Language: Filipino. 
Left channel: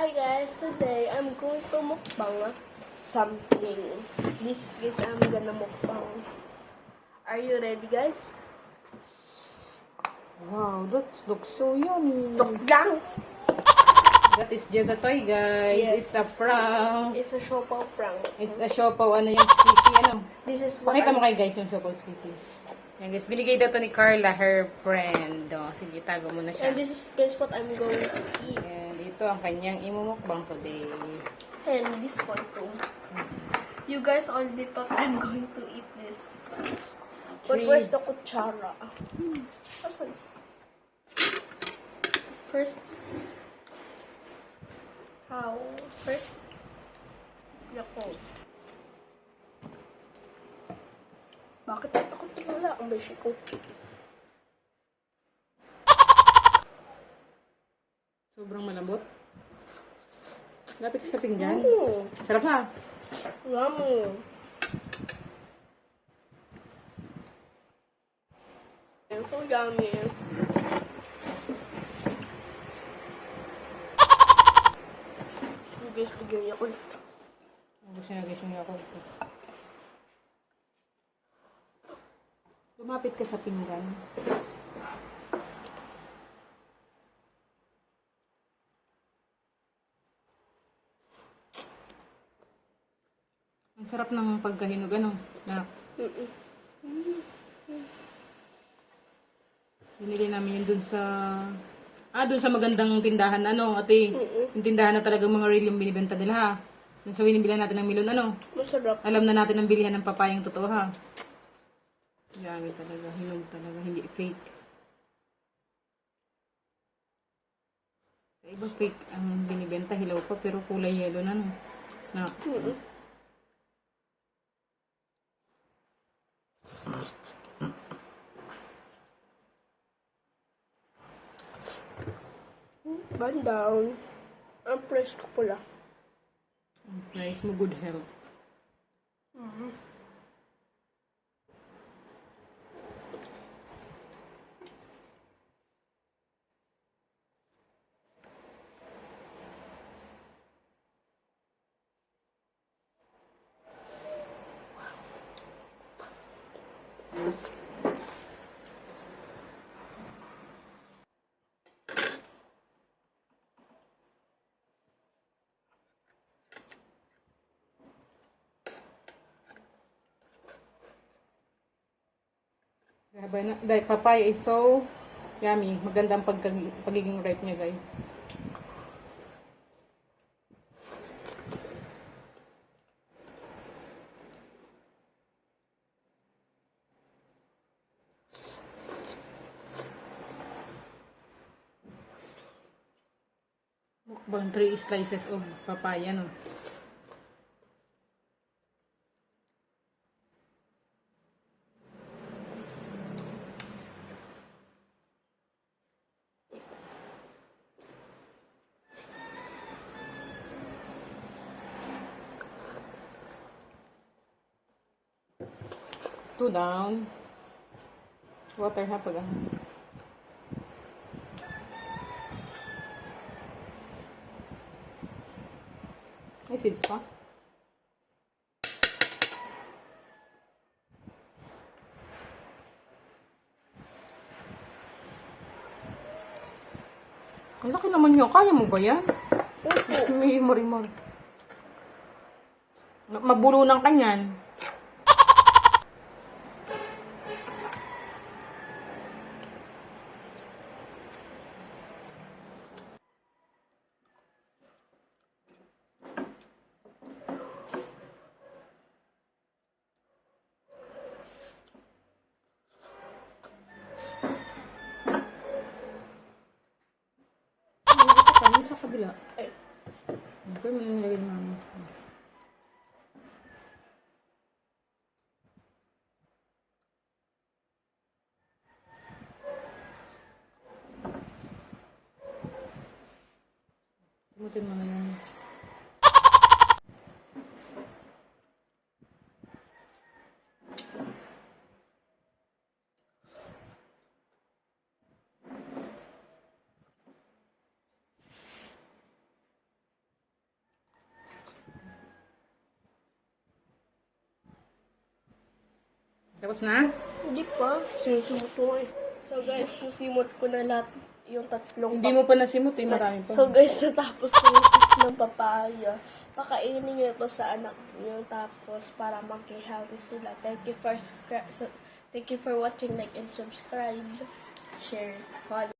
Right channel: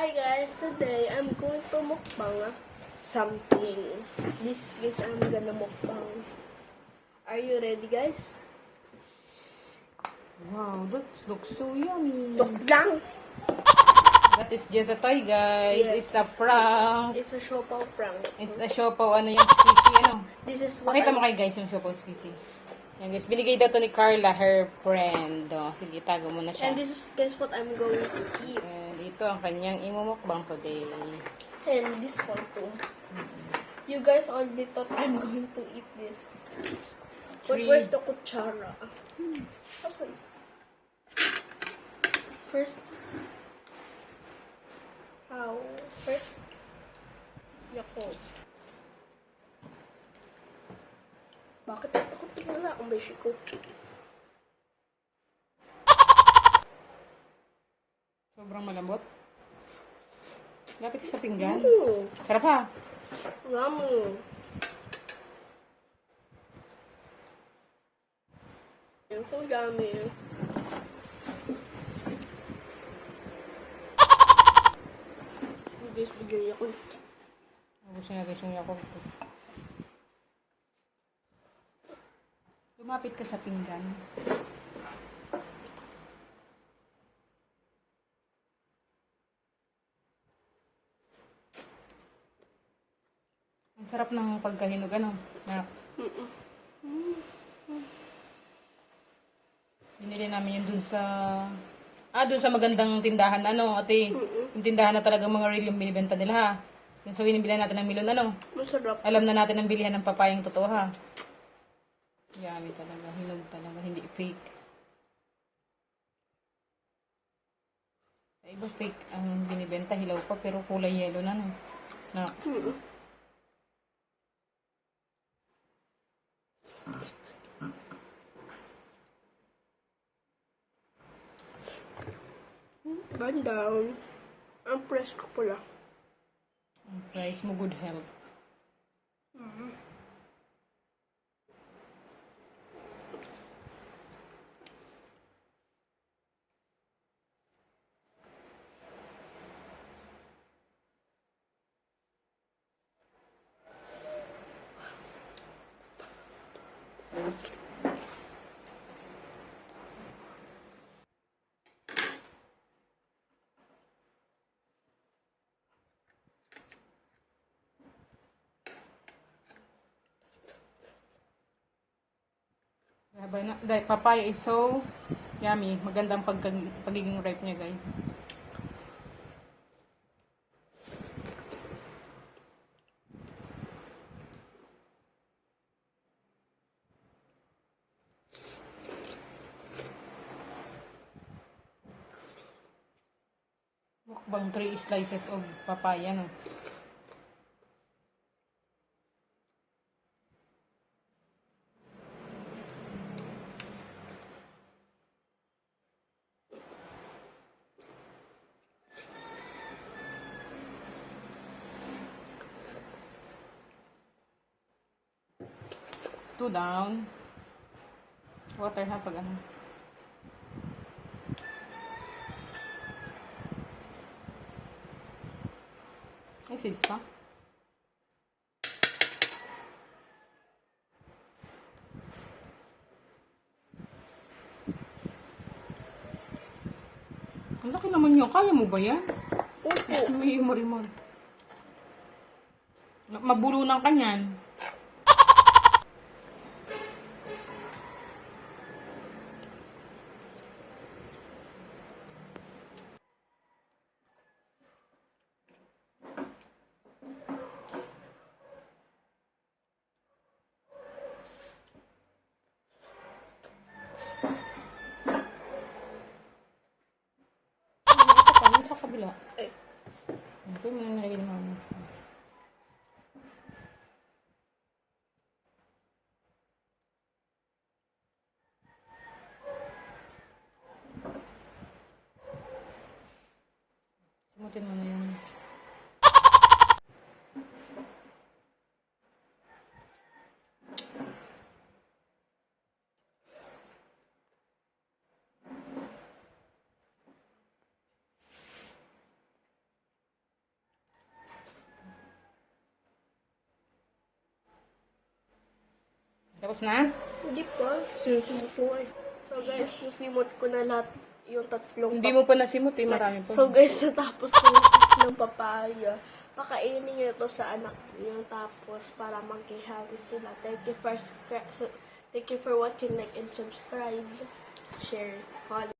Hi guys, today I'm going to mukbang something. This I'm gonna mukbang. Are you ready guys? Wow, that looks so yummy. Tuklang! That is just a toy, guys. Yes. It's a prank. It's a siopaw prank. It's a siopaw. Ano yung squeezy, ano? This is what Pakita mo I'm... kayo, guys, yung siopaw squeezy. Yan, guys. Binigay daw to ni Carla, her friend. Oh, sige, tago mo na siya. And this is guys what I'm going to eat. And ito ang kanyang imumukbang today. And this one too. You guys already thought I'm going to eat this. But where's the kutsara? Asan? First, nako. Bakit ito ko tingala ang beshi ko? Sobrang malambot. Lapit sa pinggan. Mm. Sarap ha? Yummy. So yummy. Guys, video niya ko. Gusto niya, guys, yung ako. Lumapit ka sa pinggan. Ang sarap ng pagkahinog, ano? Na, binili namin yan dun sa... dun sa magandang tindahan, ano, ate. Yung tindahan na talagang mga real yung binibenta nila, ha? Yung sa binibilihan natin ng milon, ano? Masarap. Alam na natin ang bilihan ng papayang totoo, ha? Yummy talaga, hinog talaga, hindi fake. Sa iba fake ang binibenta, hilaw pa, pero kulay yellow na, no? Na, Bandang. Ang presko pula. ang price mo, good health. Dahil papaya is so yummy. Magandang pagiging ripe niya, guys. Mukbang 3 slices of papaya, no? Two down. Water ha pag ano. May seeds pa? Ang laki naman yun. Kaya mo ba yan? Opo. May marimar. Magbulunan ka niyan. Sa kabila. Ay. Ito yung nangyayari mama. Sumutin mo na yung... Tapos na? Hindi pa. Sinusunod ko eh. So guys, nasimot ko na lahat yung tatlong Hindi mo pa nasimot eh, marami pa. So guys, natapos ko yung tatlong papaya. Pakainin nyo to sa anak nyo tapos para mag-healthy sila. Thank you for watching, like, and subscribe. Share. Follow.